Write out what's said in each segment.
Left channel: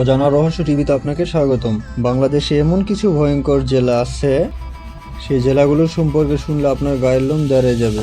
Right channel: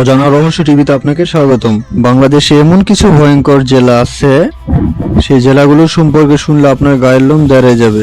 অজানা রহস্য টিভিতে আপনাকে স্বাগতম। বাংলাদেশে এমন কিছু ভয়ঙ্কর জেলা আছে, সেই জেলাগুলো সম্পর্কে শুনলে আপনার গায়ের লোম দাঁড়িয়ে যাবে।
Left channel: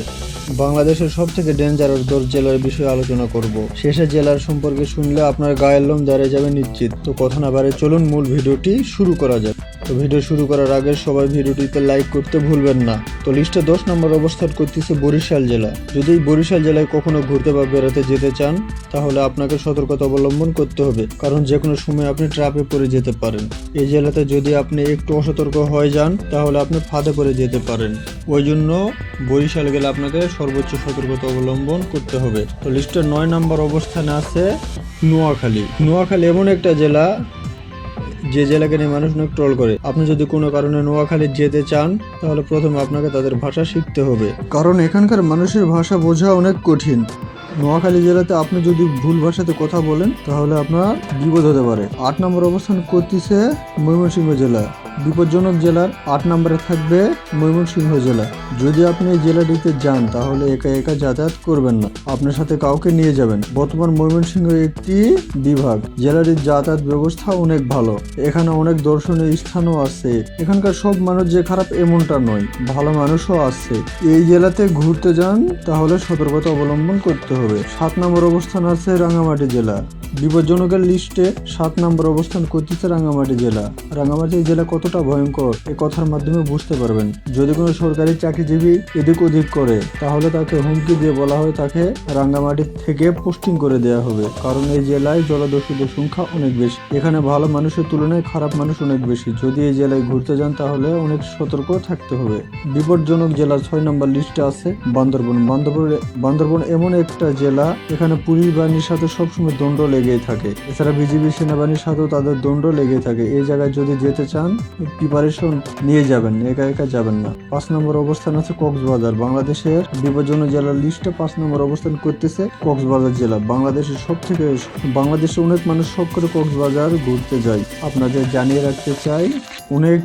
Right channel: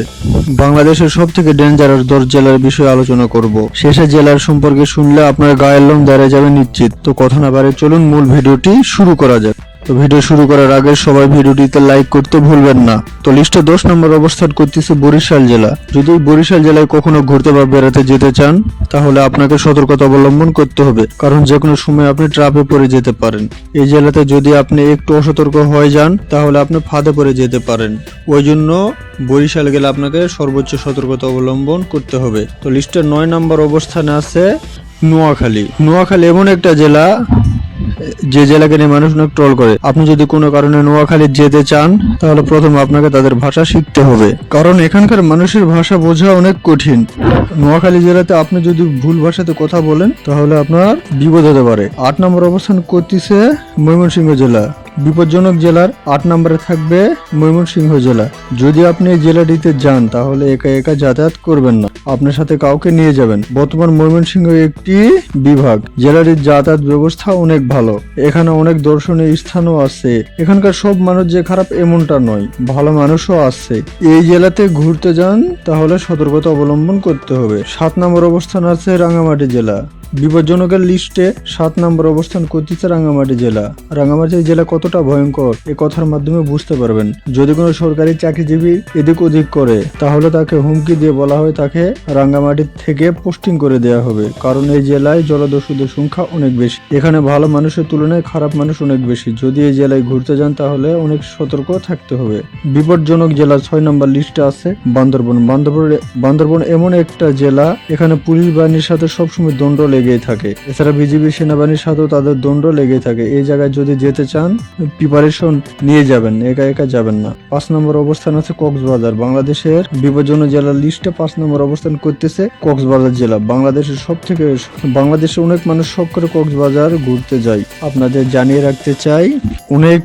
বাংলাদেশের সব থেকে ডেঞ্জারাস দশ জেলার বিষয়ে আলোচনা করব। শেষে জেলার সম্পর্কে শুনলে আপনার গায়ের লোম দাঁড়িয়ে যাবে নিশ্চিত। তো কথা না বাড়ে চলুন মূল ভিডিওটি শুরু করা যাক। তো ভিডিও শুরু করার আগে সবাই ভিডিওটিতে লাইক করতে ভুলবেন না। তো লিস্টে দশ নম্বর অবস্থান করতেছে বরিশাল জেলা। যদি বরিশাল জেলায় কখনো ঘুরতে বা বেড়াতে যেতে চান, তাহলে আপনাকে সতর্কতা অবলম্বন করতে হবে। কারণ যে কোনো সময় আপনি ট্রাপে পড়ে যেতে পারেন। এই জেলাতে যদি আপনি একটু অসতর্ক হয়ে যান, তাহলে আপনি ফাঁদে পড়ে যেতে পারেন। ওই জন্য বরিশাল গেলে আপনাকে সর্বোচ্চ সতর্কতা অবলম্বন করতে হবে। তো লিস্টের নয় নম্বর অবস্থানে আছে নোয়াখালী। নোয়াখালী এমন একটা জেলা যে জেলাকে নিয়ে মানুষ অনেক ট্রল করে। আপনি যদি কোনো কারণে নোয়াখালী যেতে চান, তাহলে প্রথম আপনাকে তাদের ভাষা শিখতে হবে। কারণ এখানকার মানুষের ভাষা বোঝা অনেক কঠিন। নোয়াখালী জেলাতে আপনি যদি ভুল ভাষাতে কথা বলেন, তাহলে আপনার বিপদ হতে পারে। আট নম্বর অবস্থান করতেছে ময়মনসিংহ জেলা। বিপজ্জনক জেলার আট নম্বরে থাকবে ময়মনসিংহ জেলা। যদি আপনি এই জেলাটিতে যান, তাহলে একা একা যাতায়াত করবেন না। আপনার সাথে কাউকে নিয়ে যাবেন। বর্তমান ময়মনসিংহ একটি বিভাগ। জেলাটির যাতায়াত ব্যবস্থা অনেক ভালো। এখানে অনেক দর্শনীয় স্থানও আছে। এখানকার সব মানুষ যে খারাপ এমনটা নয়, ভালো মানুষও আছে। এই জেলাতে ঘুরতে যান, তাহলে সতর্কতা অবলম্বন করতে হবে। সাত নম্বর অবস্থান আছে রাঙামাটি জেলা। বিপজ্জনকের লিস্টে সাত নম্বর অবস্থান করতেছে রাঙামাটি জেলা। রাঙামাটি জেলা কতটা ভয়ঙ্কর, এ কথার মাধ্যমে বুঝতে পারবেন। যদি কোনো সরকারি চাকরিজীবী এদিক ওদিক করে, তাহলে তাকে হুমকি দিয়ে বলা হয় তাকে রাঙ্গামাটি থেকে পোস্টিং করে দেওয়া হবে। কারণ এই জেলায় জলদস্যুদের সংখ্যা অনেক বেশি। এখানে ভালো মানুষের তুলনায় খারাপ মানুষ অনেক বেশি। যদি এই জেলায় ঘুরতে যান, তাহলে অনেক সতর্ক থাকতে হবে। বিপজ্জনক জেলা ছয় নম্বর লিস্টে আছে বান্দরবন। বান্দরবন বান্দরবন এমন একটা জেলা, এখানে পুলিশ বাহিনীর সাথে সবসময় দ্বন্দ্ব লেগেই থাকে। এছাড়া বিজিবি সেনাবাহিনীর সাথেও তাদের দ্বন্দ্ব লেগেই থাকে। এই জায়গায় যদি যেতে চান প্রিপারেশন নিয়ে যাবেন একা একা যাবেন না। পাঁচ নম্বর অবস্থান আছে কক্সবাজার। বাংলাদেশের বিভাজন জেলার লিস্টে পাঁচ নম্বর অবস্থান করতেছে কক্সবাজার জেলা। বাংলাদেশের সব থেকে বাংলাদেশে অনেক মানুষ সব করে কক্সবাজার ঘুরতে যায়। আপনাদের জানিয়ে রাখতে চাই, অনেক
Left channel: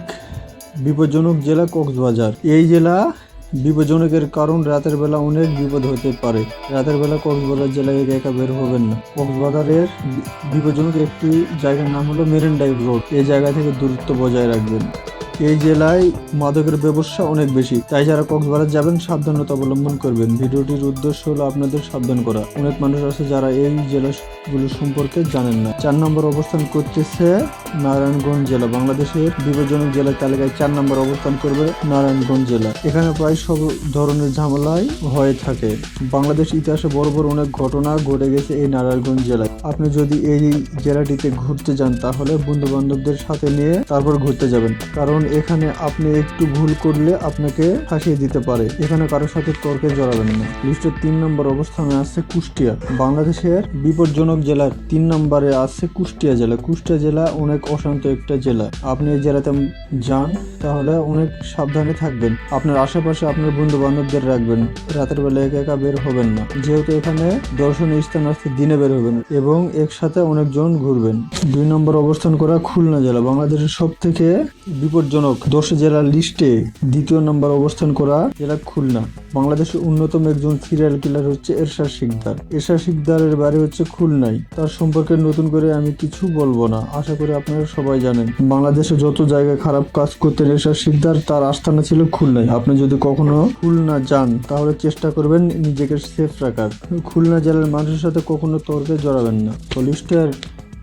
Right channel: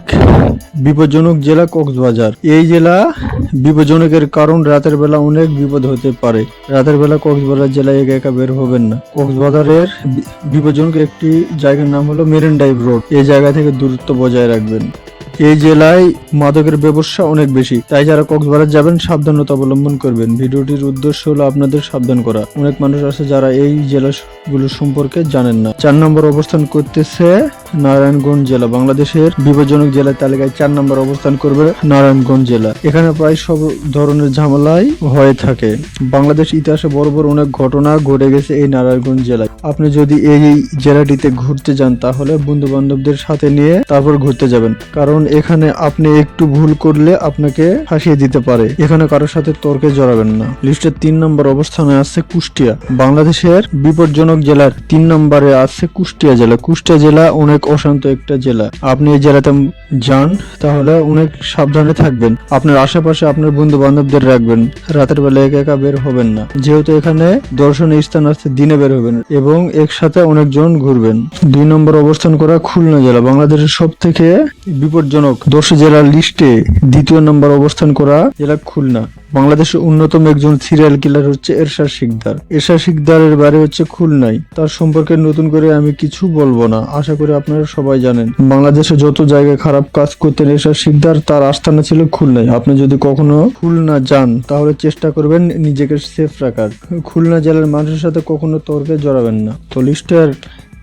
বিপজ্জনক জেলা কক্সবাজার। এই জেলা বিপজ্জনকের কারণ রাতের বেলা অনেক বিপদ হতে পারে। রাতের বেলা কক্সবাজার জেলায় একা একা বের হবেন না। কক্সবাজারের বি- বিপজ্জনকের একটি জায়গার নাম হলো মেরিন ড্রাইভ রোড। এই জায়গা থেকে দূরত্ব বজায় রাখবেন। এই জেলায় মাদকের ব্যবসা অনেক বেশি। তাই যারা কক্সবাজার যাবেন, সাবধানতা অবলম্বন করবেন। ভিডিওটির উদ্দেশ্য হলো আপনাদের সাবধান করা। অনেক মানুষ আছে যারা এই জেলাগুলো সম্পর্কে জানেন না। চার নম্বর অবস্থান করতেছে নারায়ণগঞ্জ জেলা। বাংলাদেশের বিপজ্জনক জেলার তালিকায় চার নম্বর অবস্থান করবে নারায়ণগঞ্জ জেলা। এখানে প্রায় সব ধরনের ঝামেলাই হয়ে থাকে। বাংলাদেশ ইতিহাসে বড় বড় অনেক ঘটনা ঘটে গেছে এই নারায়ণগঞ্জ জেলায়। আপনি যদি এই জেলাটিতে ঘুরতে যান, তাহলে বন্ধু বান্ধবদের সাথে নিয়ে তারপর ঘুরতে যাবেন। কারণ এখানে আপনি একটু ভুল করলে আপনাকে ফাঁসিয়ে দিতে পারে। এখানে কারোর সাথে তর্কে জড়াবেন না। লিস্টের তিন নম্বর অবস্থানে আছে কুষ্টিয়া। বাংলাদেশের বিপজ্জনক জেলার তিন নম্বরে আছে কুষ্টিয়া জেলা। কুষ্টিয়া জেলা অনেক অশান্ত একটা জেলা। আপনি এই জেলাতে যান, তাহলে অনেক সাবধানে থাকবেন। আপনার আশেপাশে আপনার বন্ধু বান্ধবদের রাখবেন। রাতের বেলা একা একা বের হবেন না। যেহেতু এখানে দর্শনীয় স্থান আছে, দিনে বের হবেন। এবং একসাথে অনেকজন ঘুরবেন। দুই নম্বর অবস্থান করা খুলনা জেলা, বাংলাদেশের সব থেকে বিপজ্জনক দশ জেলার লিস্টে দ্বিতীয় নম্বর অবস্থান করা জেলা খুলনা। বাংলাদেশের অন্যতম একজন সিরিয়াল কিলার হচ্ছে এরশাদ শিকদার। এরশাদ শিকদারের বাড়ি হচ্ছে খুলনায়। তার সম্পর্কে নতুন করে আমি কিছু বলব না। আশা করি আপনারা সবাই জানেন। বাংলাদেশে যত জায়গায় খারাপ কাজ করতেন এরশাদ শিকদার, তার আস্থানা ছিল খুলনায়। আপনি যদি কখনো খুলনা যান, তাহলে চেষ্টা করবেন নিজেকে সেফ রাখার। খুলনা জেলার মানুষের সাথে কখনো তর্কে জড়াবেন না। তো লিস্টের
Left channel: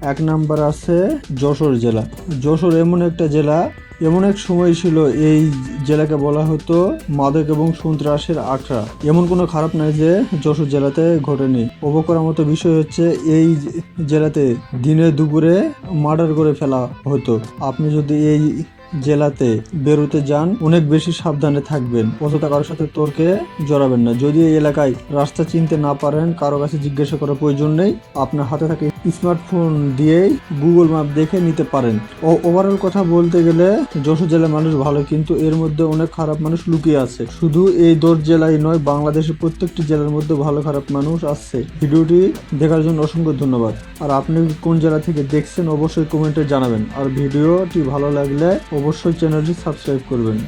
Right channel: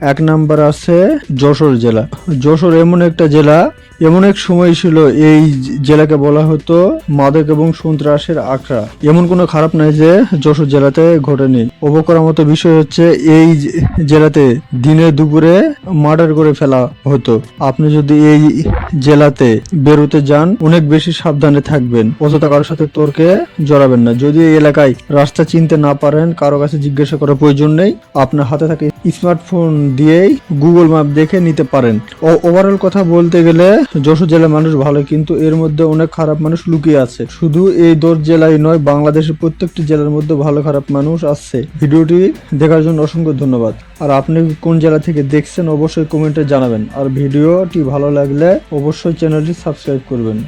এক নাম্বার আছে যশোর জেলা। যশোর এমন একটা জেলা এমন এক সময় ছিল, এই জেলাকে বলা হতো মাদক এবং সন্ত্রাসের আখড়া। এমন কোনো খারাপ নাই যে যশোর জেলাতে ঘটেনি। অবাক করার মতো বিষয় হচ্ছে, এই জেলাতে দিনে দুপুরে মার্ডার করে ফেলা হতো। আপনি যদি এই জেলাতে বেরোতে যান, অনেক বেশি সাবধানে থাকবেন। অযথা কারোর সাথে তর্কে জড়াবেন না। যদি এই এলাকায় রাস্তা চিনতে না পারেন, কারও কাছে জিজ্ঞাসা করার প্রয়োজন নেই। আপনার হাতে থাকে স্মার্টফোন দিয়েই গুগল ম্যাপ দেখে নিতে পারেন। ও ওভারঅল কথা বলতে গেলে যশোর জেলার মানুষ ভালো, কিন্তু এর মধ্যে অনেক খারাপ মানুষ লুকিয়ে আছে। শুধু এই দোর জেলায় নয়, বাংলাদেশের প্রত্যেকটি জেলার মধ্যে ভালো খারাপ মানুষ আছে। ভিডিওটি দেখার জন্য অসংখ্য ধন্যবাদ। আর আপনি কোন জেলা থেকে দেখছেন, অবশ্যই কমেন্টে জানাবেন। আর ভিডিওটি ভালো লাগলে অবশ্যই চ্যানেলটি সাবস্ক্রাইব করবেন।